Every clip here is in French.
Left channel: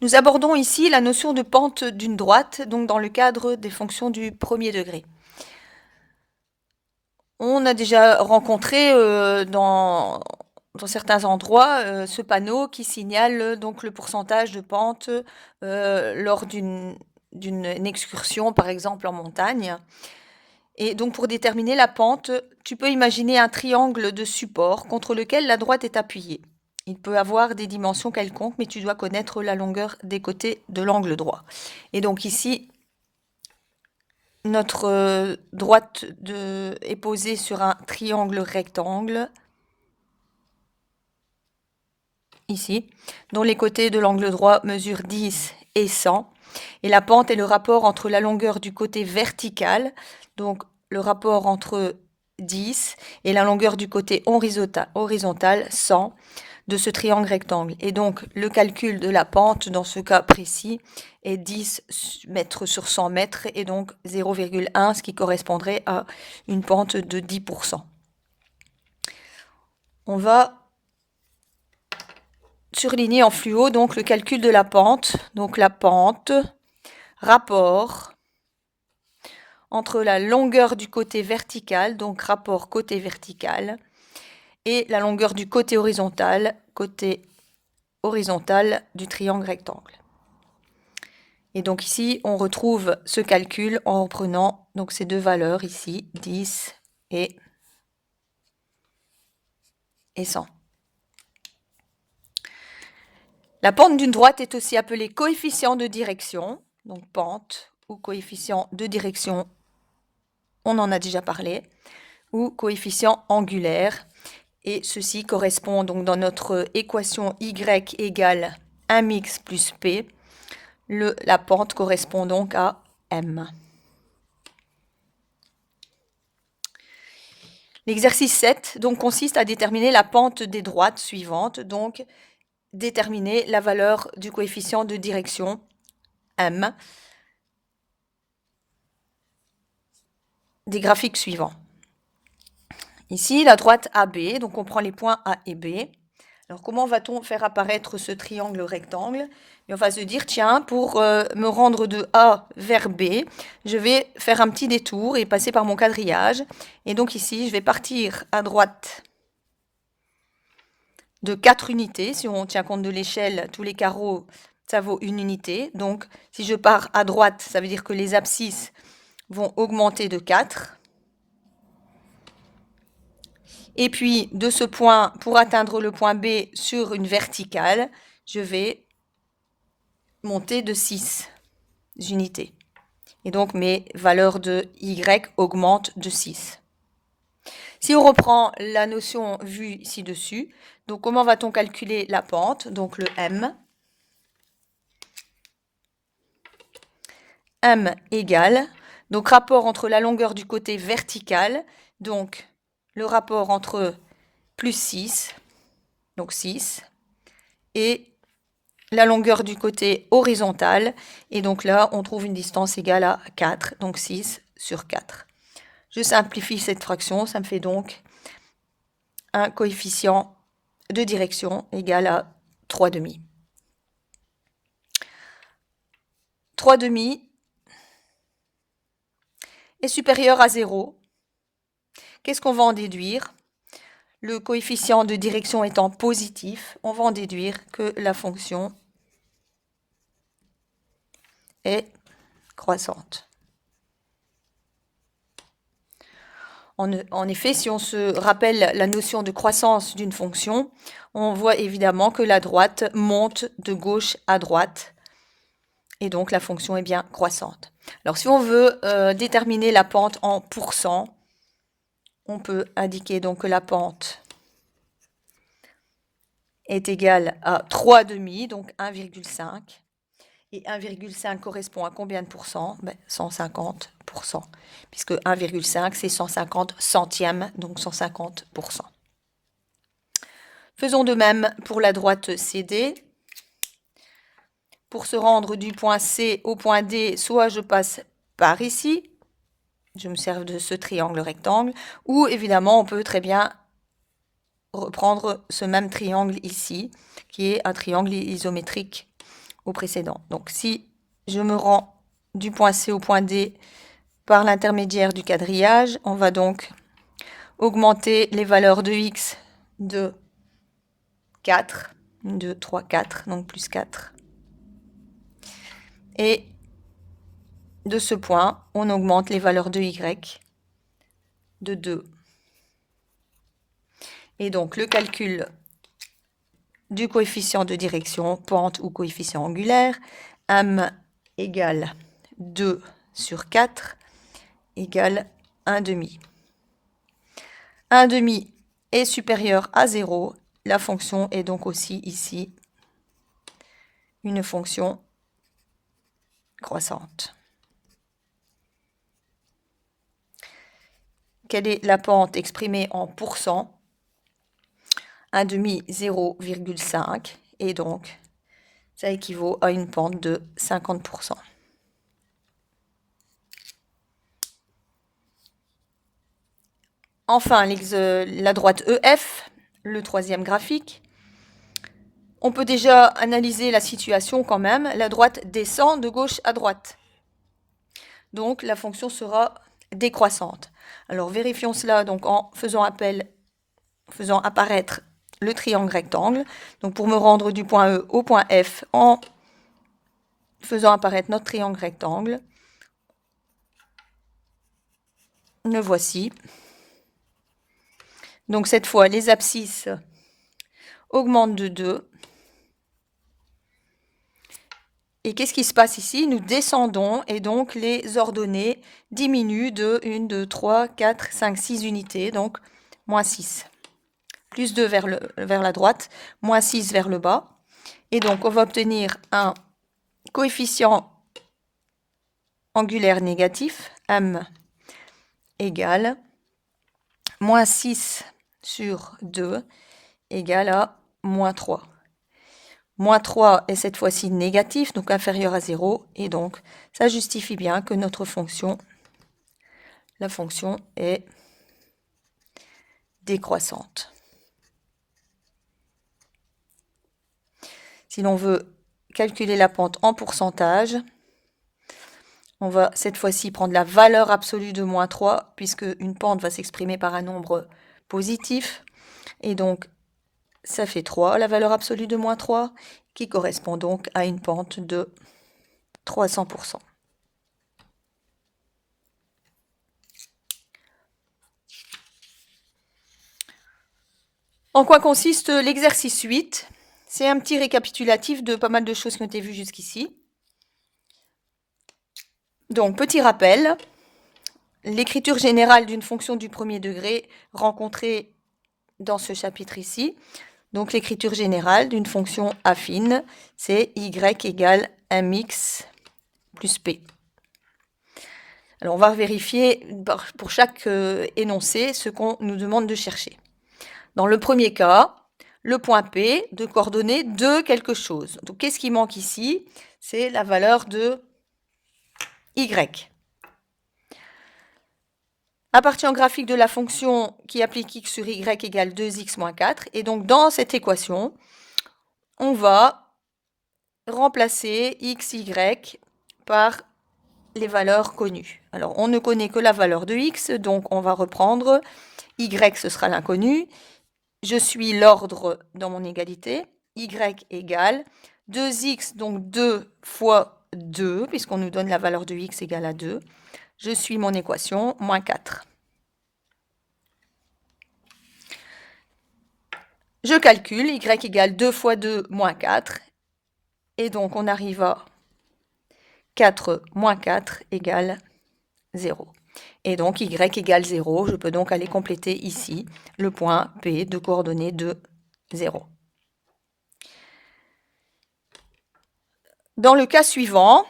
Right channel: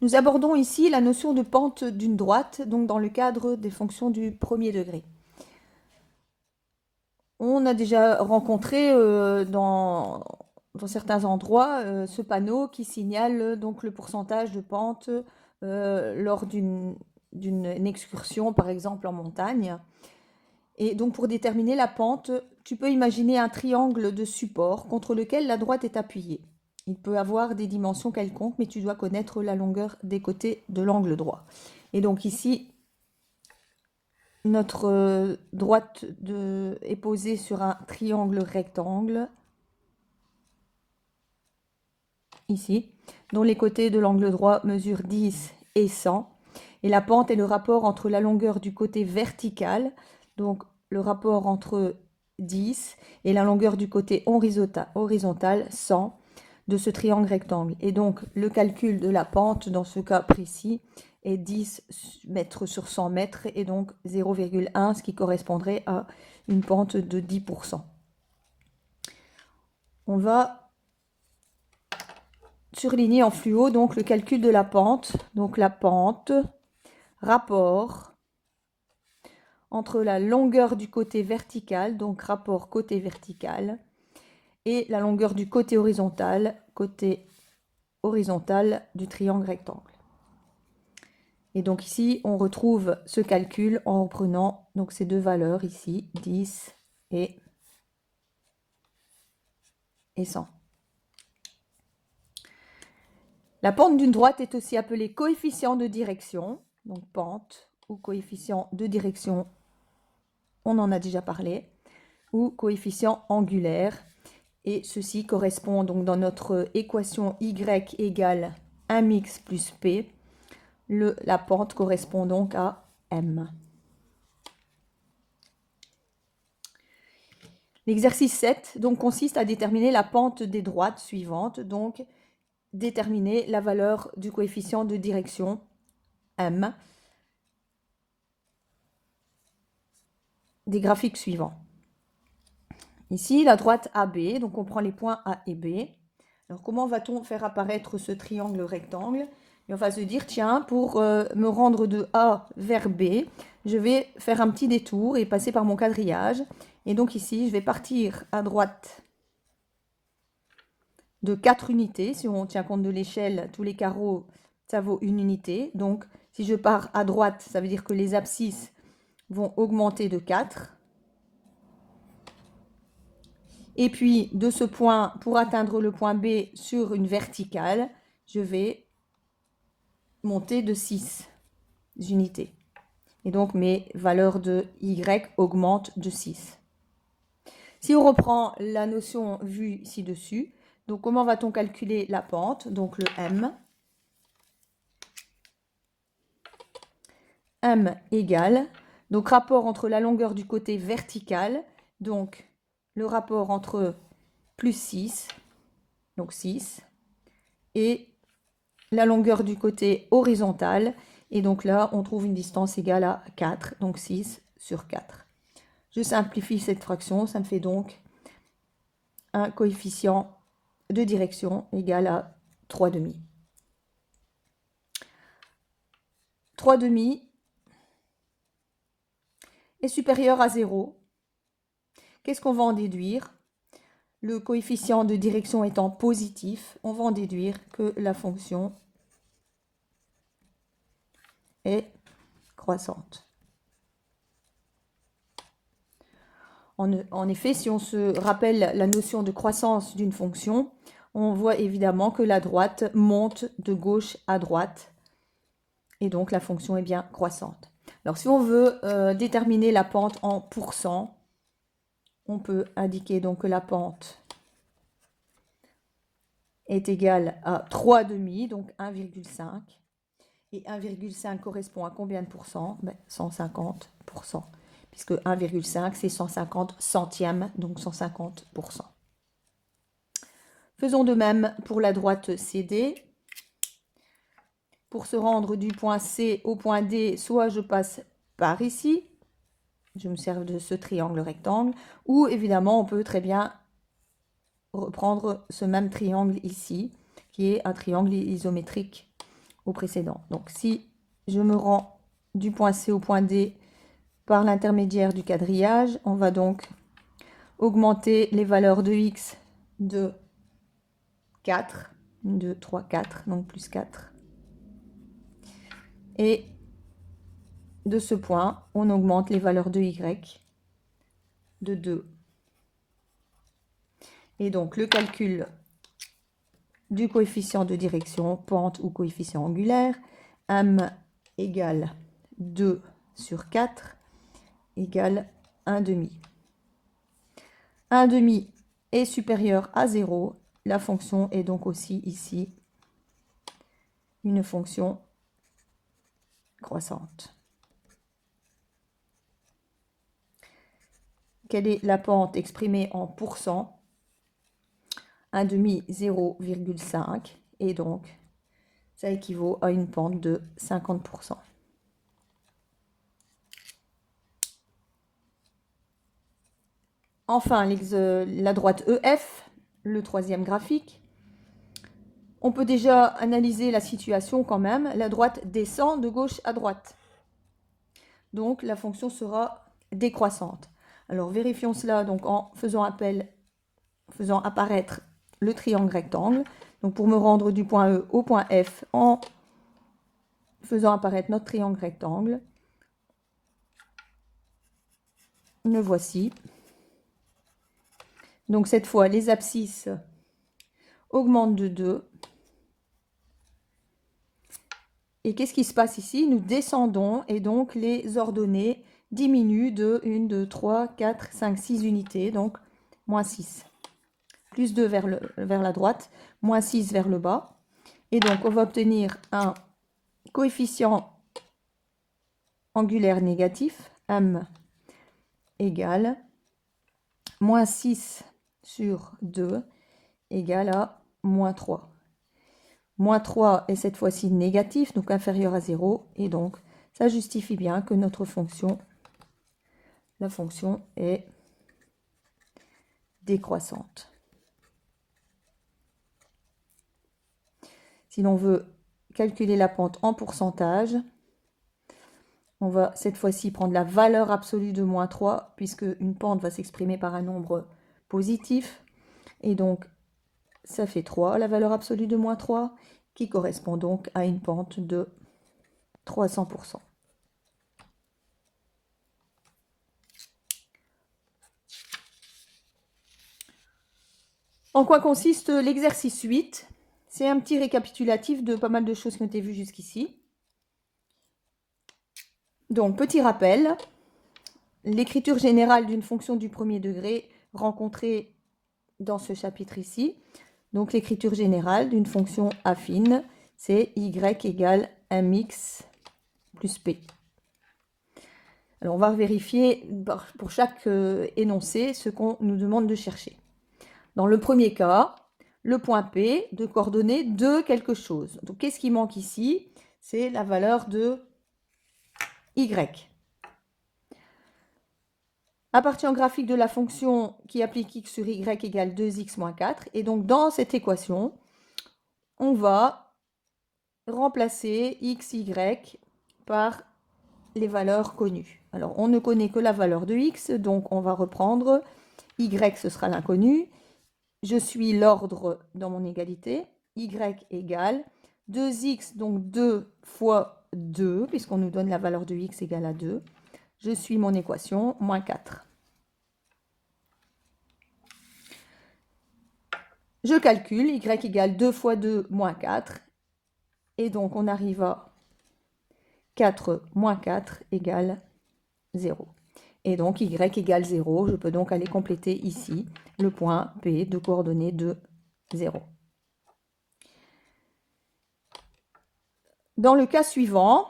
Nous abordons ici la notion de pente d'une droite, donc dans le cadre des fonctions du premier degré. On a déjà rencontré dans certains endroits ce panneau qui signale donc le pourcentage de pente lors d'une excursion, par exemple en montagne. Et donc pour déterminer la pente, tu peux imaginer un triangle de support contre lequel la droite est appuyée. Il peut avoir des dimensions quelconques, mais tu dois connaître la longueur des côtés de l'angle droit. Et donc ici, notre droite est posée sur un triangle rectangle, ici, dont les côtés de l'angle droit mesurent 10 et 100. Et la pente est le rapport entre la longueur du côté vertical, donc le rapport entre 10 et la longueur du côté horizontal 100 de ce triangle rectangle. Et donc le calcul de la pente dans ce cas précis est 10 mètres sur 100 mètres et donc 0,1, ce qui correspondrait à une pente de 10%. On va surligner en fluo donc le calcul de la pente. Donc la pente, rapport entre la longueur du côté vertical, donc rapport côté vertical, et la longueur du côté horizontal du triangle rectangle. Et donc ici, on retrouve ce calcul en prenant donc ces deux valeurs ici, 10 et 100. La pente d'une droite est aussi appelée coefficient de direction, donc pente ou coefficient de direction, on en a déjà parlé, ou coefficient angulaire. Et ceci correspond donc dans notre équation y égale 1x plus p. La pente correspond donc à m. L'exercice 7 donc, consiste à déterminer la pente des droites suivantes, donc déterminer la valeur du coefficient de direction m des graphiques suivants. Ici, la droite AB, donc on prend les points A et B. Alors comment va-t-on faire apparaître ce triangle rectangle? Et on va se dire, tiens, pour me rendre de A vers B, je vais faire un petit détour et passer par mon quadrillage. Et donc ici, je vais partir à droite de 4 unités. Si on tient compte de l'échelle, tous les carreaux, ça vaut une unité. Donc si je pars à droite, ça veut dire que les abscisses vont augmenter de 4. Et puis, de ce point, pour atteindre le point B sur une verticale, je vais monter de 6 unités. Et donc, mes valeurs de Y augmentent de 6. Si on reprend la notion vue ci-dessus, donc comment va-t-on calculer la pente? Donc, le M. M égale, donc rapport entre la longueur du côté vertical, donc le rapport entre plus 6, donc 6, et la longueur du côté horizontal. Et donc là, on trouve une distance égale à 4, donc 6 sur 4. Je simplifie cette fraction, ça me fait donc un coefficient de direction égal à 3,5. 3,5 est supérieur à 0. Qu'est-ce qu'on va en déduire? Le coefficient de direction étant positif, on va en déduire que la fonction est croissante. En effet, si on se rappelle la notion de croissance d'une fonction, on voit évidemment que la droite monte de gauche à droite, et donc la fonction est bien croissante. Alors si on veut déterminer la pente en pourcents, on peut indiquer donc que la pente est égale à 3,5, donc 1,5. Et 1,5 correspond à combien de pourcents? 150%, puisque 1,5 c'est 150 centièmes, donc 150%. Faisons de même pour la droite CD. Pour se rendre du point C au point D, soit je passe par ici, je me sers de ce triangle rectangle, ou évidemment on peut très bien reprendre ce même triangle ici, qui est un triangle isométrique au précédent. Donc, si je me rends du point C au point D par l'intermédiaire du quadrillage, on va donc augmenter les valeurs de x de 4, 2, 3, 4, donc plus 4. Et de ce point, on augmente les valeurs de y de 2. Et donc, le calcul du coefficient de direction, pente ou coefficient angulaire, m égale 2 sur 4 égale 1/2. 1/2 est supérieur à 0. La fonction est donc aussi ici une fonction croissante. Quelle est la pente exprimée en pourcents? 1/2, 0,5. Et donc, ça équivaut à une pente de 50%. Enfin, la droite EF, le troisième graphique. On peut déjà analyser la situation quand même. La droite descend de gauche à droite. Donc, la fonction sera décroissante. Alors, vérifions cela donc, en faisant apparaître le triangle rectangle. Donc, pour me rendre du point E au point F, en faisant apparaître notre triangle rectangle, le voici. Donc, cette fois, les abscisses augmentent de 2. Et qu'est-ce qui se passe ici? Nous descendons et donc les ordonnées diminuent de 1, 2, 3, 4, 5, 6 unités, donc moins 6. Plus 2 vers la droite, moins 6 vers le bas. Et donc on va obtenir un coefficient angulaire négatif, m égale moins 6 sur 2 égale à moins 3. Moins 3 est cette fois-ci négatif, donc inférieur à 0. Et donc, ça justifie bien que notre fonction, la fonction est décroissante. Si l'on veut calculer la pente en pourcentage, on va cette fois-ci prendre la valeur absolue de moins 3, puisque une pente va s'exprimer par un nombre positif. Et donc, ça fait 3, la valeur absolue de moins 3, qui correspond donc à une pente de 300%. En quoi consiste l'exercice 8? C'est un petit récapitulatif de pas mal de choses qui ont été vues jusqu'ici. Donc, petit rappel, l'écriture générale d'une fonction du premier degré rencontrée dans ce chapitre ici. Donc, l'écriture générale d'une fonction affine, c'est y égale mx plus p. Alors, on va vérifier pour chaque énoncé ce qu'on nous demande de chercher. Dans le premier cas, le point P de coordonnées de quelque chose. Donc, qu'est-ce qui manque ici? C'est la valeur de y. Appartient au graphique de la fonction qui applique x sur y égale 2x moins 4. Et donc, dans cette équation, on va remplacer x, y par les valeurs connues. Alors, on ne connaît que la valeur de x, donc on va reprendre y, ce sera l'inconnu. Je suis l'ordre dans mon égalité. Y égale 2x, donc 2 fois 2, puisqu'on nous donne la valeur de x égale à 2. Je suis mon équation, moins 4. Je calcule, y égale 2 fois 2, moins 4. Et donc, on arrive à 4 moins 4 égale 0. Et donc, y égale 0. Je peux donc aller compléter ici le point P de coordonnées de 0. Dans le cas suivant,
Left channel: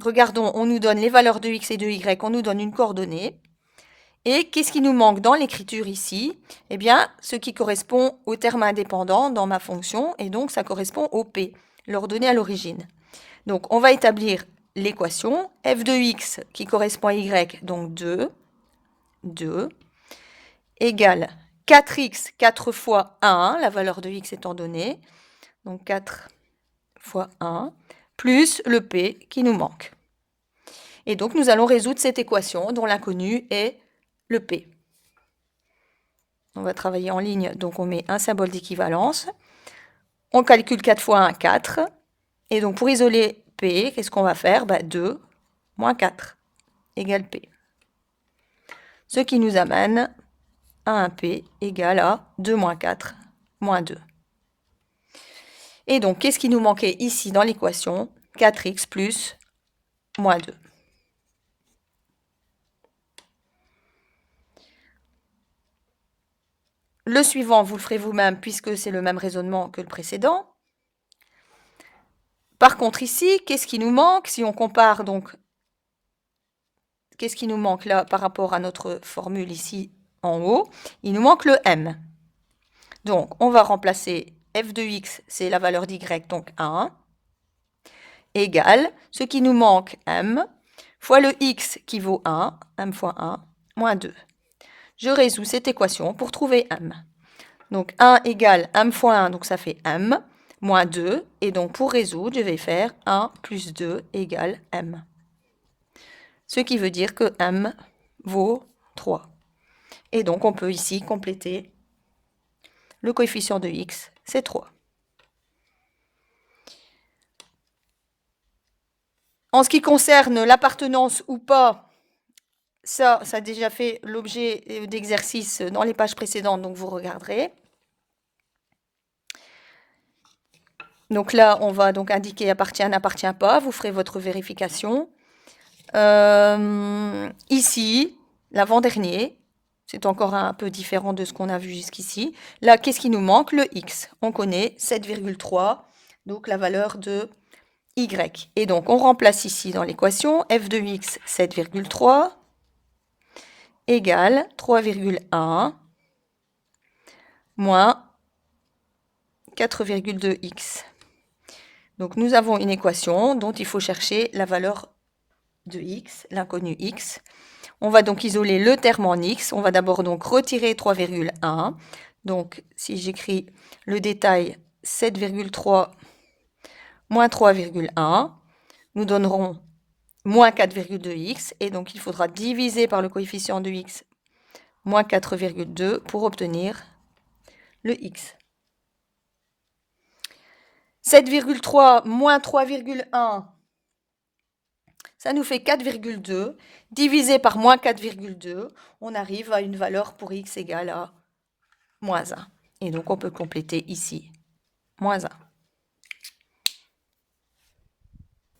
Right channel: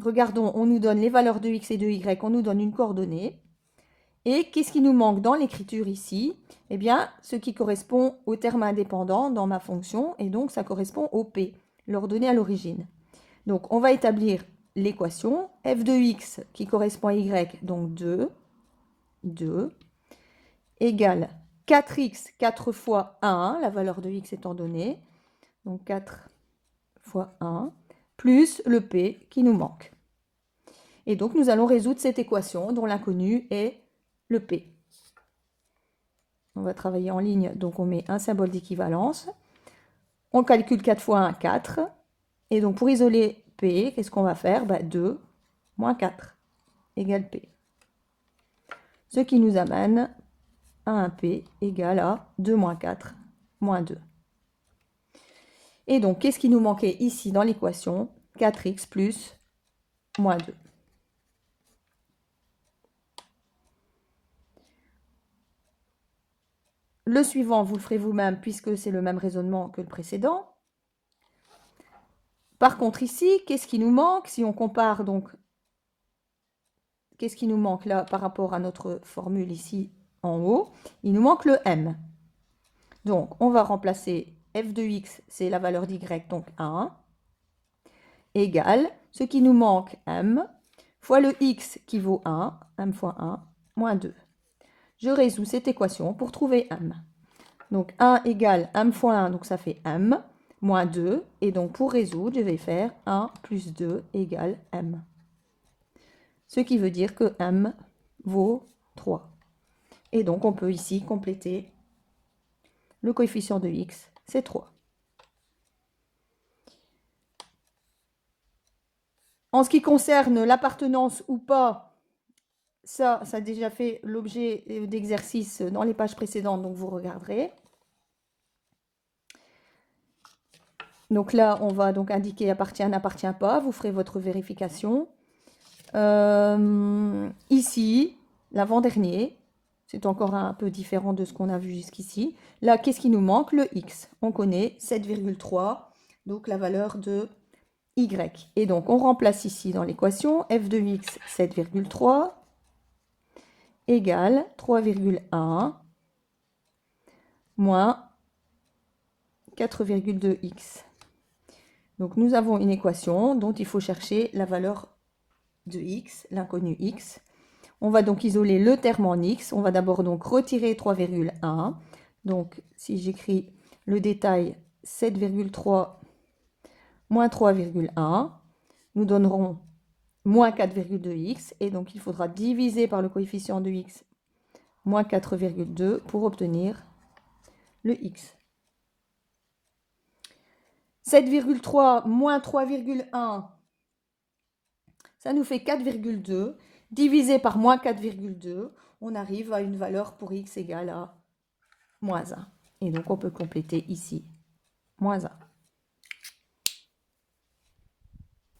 regardons, on nous donne les valeurs de x et de y, on nous donne une coordonnée. Et qu'est-ce qui nous manque dans l'écriture ici? Eh bien, ce qui correspond au terme indépendant dans ma fonction, et donc ça correspond au P, l'ordonnée à l'origine. Donc, on va établir l'équation f de x qui correspond à y, donc 2, égale 4x, 4 fois 1, la valeur de x étant donnée, donc 4 fois 1, plus le P qui nous manque. Et donc, nous allons résoudre cette équation dont l'inconnu est le P. On va travailler en ligne, donc on met un symbole d'équivalence. On calcule 4 fois 1, 4. Et donc, pour isoler P, qu'est-ce qu'on va faire? 2 moins 4 égale P. Ce qui nous amène à un P égal à 2 moins 4 moins 2. Et donc, qu'est-ce qui nous manquait ici dans l'équation? 4x plus moins 2. Le suivant, vous le ferez vous-même puisque c'est le même raisonnement que le précédent. Par contre, ici, qu'est-ce qui nous manque? Si on compare, donc, qu'est-ce qui nous manque là par rapport à notre formule ici en haut? Il nous manque le m. Donc, on va remplacer f de x, c'est la valeur d'y, donc 1, égale ce qui nous manque m, fois le x qui vaut 1, m fois 1, moins 2. Je résous cette équation pour trouver m. Donc 1 égale m fois 1, donc ça fait m, moins 2. Et donc pour résoudre, je vais faire 1 plus 2 égale m. Ce qui veut dire que m vaut 3. Et donc on peut ici compléter le coefficient de x, c'est 3. En ce qui concerne l'appartenance ou pas, ça a déjà fait l'objet d'exercices dans les pages précédentes, donc vous regarderez. Donc là, on va donc indiquer appartient, n'appartient pas. Vous ferez votre vérification. Ici, l'avant-dernier, c'est encore un peu différent de ce qu'on a vu jusqu'ici. Là, qu'est-ce qui nous manque? Le x. On connaît 7,3, donc la valeur de y. Et donc, on remplace ici dans l'équation f de x 7,3 égale 3,1 moins 4,2x. Donc, nous avons une équation dont il faut chercher la valeur de x, l'inconnu x. On va donc isoler le terme en x. On va d'abord donc retirer 3,1. Donc, si j'écris le détail 7,3 moins 3,1, nous donnerons moins 4,2x. Et donc, il faudra diviser par le coefficient de x moins 4,2 pour obtenir le x. 7,3 moins 3,1, ça nous fait 4,2. Divisé par moins 4,2, on arrive à une valeur pour x égale à moins 1. Et donc, on peut compléter ici, moins 1.